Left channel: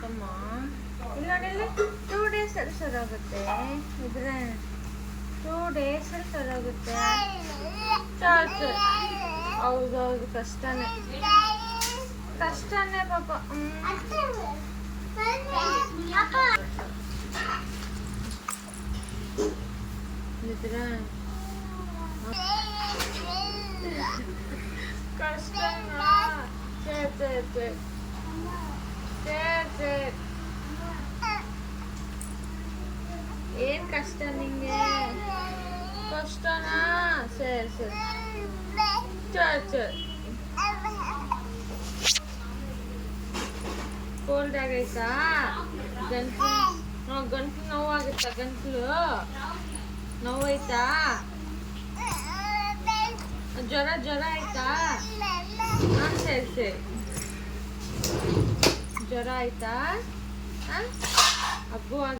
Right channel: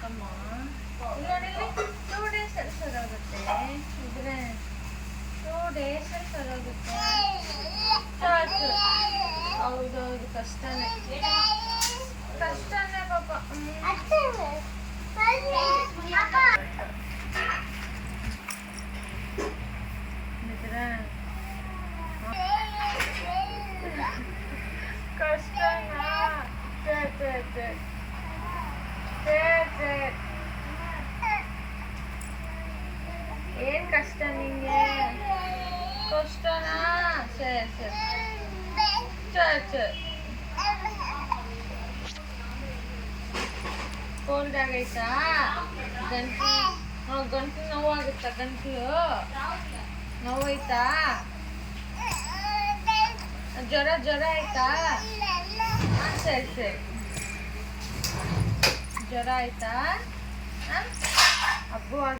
ಕಮ್ಮ ಇಲ್ಲ ಇಲ್ಲಿ 2 days ಅಲ್ಲಿ ಸರೋಗುತ್ತೆ ಇದ್ರೆ 2 days ಅಲ್ಲಿ ಸರೋಗುತ್ತೆ ಚಾರ್ಜ್ ಹೌದೌದು ಕಷ್ಟನೇ ಪಾಪ ನಿದ್ರೆ ಕಷ್ಟನಾ ಏನ್ ಕಷ್ಟ ನಿಂಗೆ ಕಷ್ಟನಾ ಸರಿ ಕೋಲ್ಡ್ ಆಗೈತಾ ಗಂಟ್ಲು ನೋವಾಗುತ್ತಾ ಗಂಟ್ಲು ನೋವಾಯ್ತಾ ಜ್ವರ ಆಯ್ತಾ ಹಾಂ ಸರಿ ಜ್ವರ ಆಯ್ತಾ ಹಬ್ಬ